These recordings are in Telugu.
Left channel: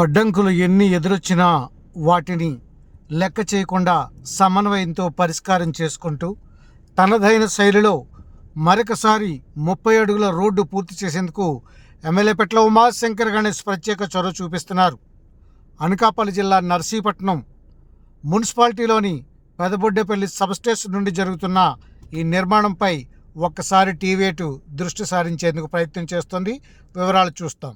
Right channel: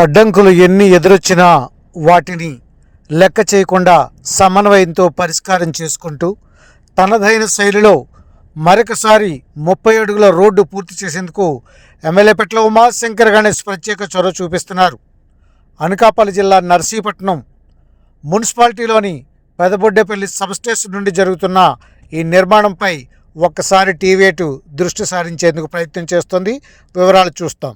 అడ్డంకులు ఎన్ని ఎదురొచ్చినా వాటిని లెక్క చేయకుండా సమన్వయంతో పరిష్కారం చేసుకుంటూ తనదైన శైలిలో మరొకసారి 30 అడుగుల రోడ్డు పూర్తి చేసేందుకు ఎమ్మెల్యే పెట్ల ఉమాశంకర్ గణేష్ ప్రత్యేక చొరవ చూపిస్తున్నారు. అనకాపల్లి జిల్లా నర్సీపట్నం మున్సిపాలిటీలోని పెదబొడ్డేపల్లి సబ్స్టేషన్ నుండి జరుగుతున్న ఈ నిర్మాణంపై ఒక్కసారి టీవీ8 దృష్టి సారించేందుకు ప్రయత్నం చేస్తుంది. వివరాలు చూస్తాం.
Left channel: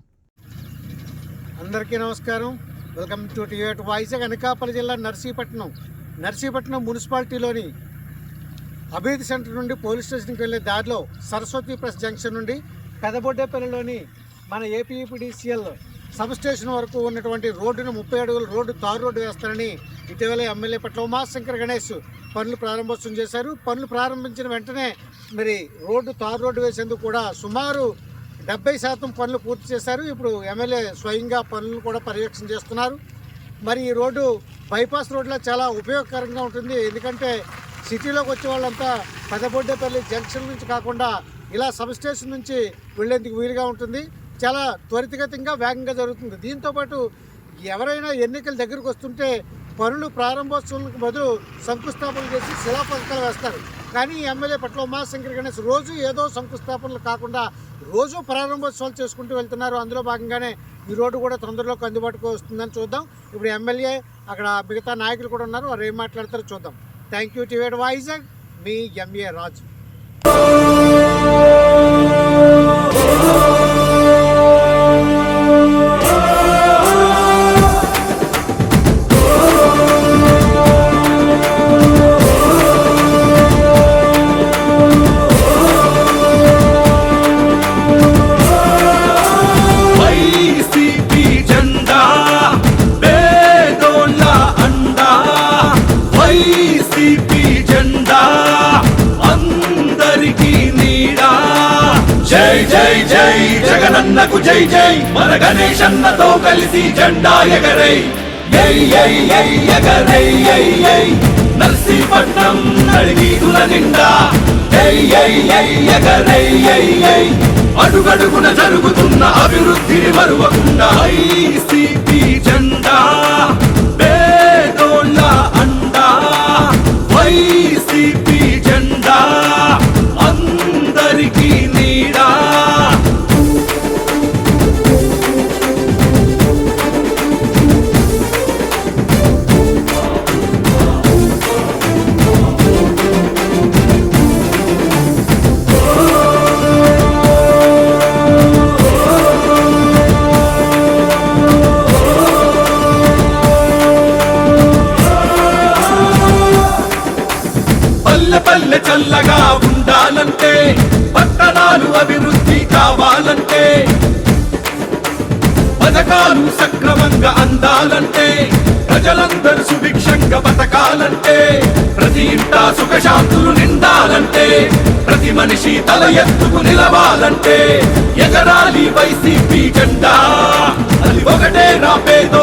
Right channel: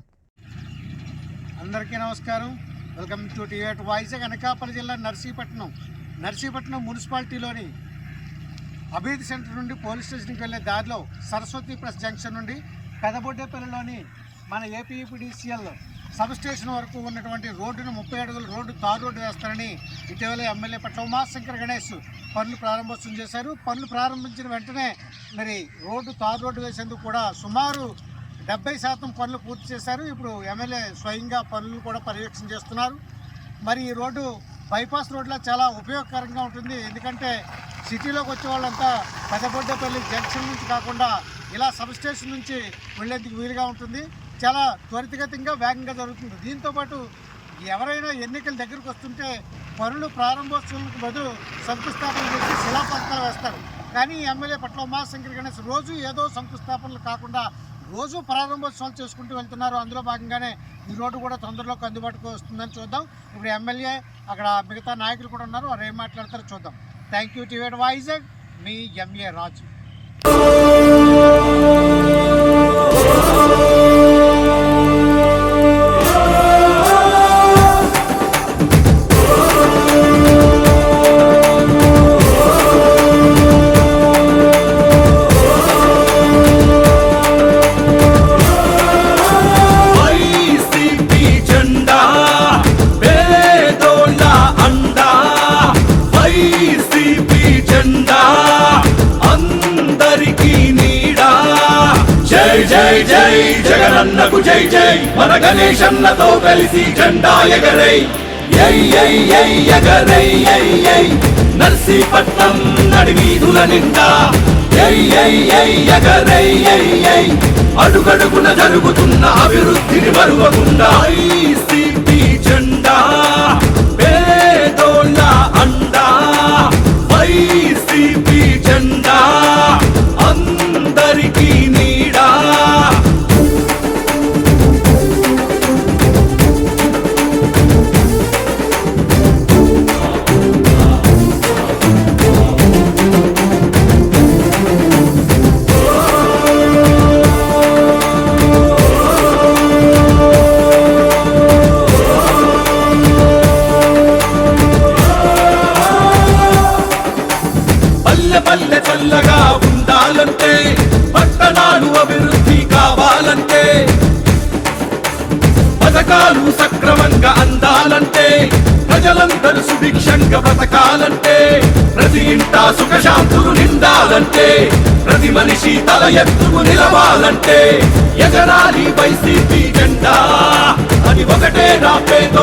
అందరికీ నమస్కారం. Welcome to TV eight Vizag. Anakapalli జిల్లా నర్సీపట్నం మున్సిపాలిటీలోని అభివృద్ధి సెంటర్ నుండి పోలీస్ స్టేషన్కి వెళ్ళే దారిలో సరస్వతి ప్రెస్ జంక్షన్ నుండి పెదబొడ్డేపల్లిలోని మన ఏపీఈపీడీసీఎల్ సబ్ స్టేషన్ వరకు ఉన్నటువంటి రోడ్డును 30 అడుగుల రోడ్డు తారు రోడ్డు వేస్తారని ఇటీవల ఎమ్మెల్యే పెట్ల ఉమాశంకర్ గణేష్ పనులు ప్రారంభోత్సవం చేశారు. పనులు ప్రారంభించిన వెంటనే మరి తారు రోడ్డు వేసేందుకు కూడా సుమారు 70% పనులు పూర్తి చేశారు. ఇప్పుడు ఎమ్మెల్యే స్వయంగా పనులను కూడా పర్యవేక్షణ చేస్తున్నారు. మరి ఈ రోడ్డు బైపాస్ రోడ్లో చాలా ఉపయోగకరంగా ఉంటుంది. ఎందుకంటే సిటీలోకి వచ్చే వాళ్ళంతా పెదబొడ్డేపల్లి జంక్షన్ నుంచి కాకుండా ఇలా సబ్ స్టేషన్ నుంచి వెళ్ళేందుకు వీలుగా ఉంటుంది. చాలా త్వరితగతంగా వేగంగా జరుగుతుంది. దీంతోపాటు ఎవరైనా ఎన్నికల దగ్గరకు వస్తుంటే పనులు ప్రారంభోత్సవాలకు బదులు శంకుస్థాపన చేసి శిలాఫలకాలు వేస్తారు. కానీ ఎమ్మెల్యే పెట్ల ఉమాశంకర్ గణేష్ రోజు ఏదో శంకుస్థాపనలు కాకుండా రోజు ప్రారంభోత్సవాలు చేసుకుంటూ వెళ్తున్నారు. అందులో భాగంగానే ఈ రోడ్డు కూడా తొందరలోకి అందుబాటుకు వస్తుందని చూద్దాం. ఇప్పుడు ఎమ్మెల్యే అక్కడ మిగతా నాయకులు కూడా ఉన్నారు, వారు ఏం మాట్లాడతారో చూద్దాం. Thank you TV eight Vizag. మీ ఎంఏ రాజు. జగనన్నకు జై జై, మన గణేశన్నతో కలిసి జెండా ఎగరై ఎగరై నర్సీపట్నం నడివీధుల నిండా ఎగరై అడుగడుగున జరుగుతున్న అభివృద్ధిని మరువకుండా ఐసీపీ జెండా పేదోళ్ళ అండా, ఐసీపీ జెండా అందరికీ నీడా. పల్లె చల్లగా ఉండాలంటే, పట్టణాలు అభివృద్ధి కావాలంటే, పథకాలు సక్రమంగా అందాలంటే, ప్రజలందరూ సుభిక్షంగా బతకాలంటే, ప్రతి ఇంటా సుఖశాంతులు నిండాలంటే, ప్రతి మనిషి తల ఎత్తుకు నిలవాలంటే ఎగరాలి వైసీపీ జెండా. అది ఒకటే నా పేదో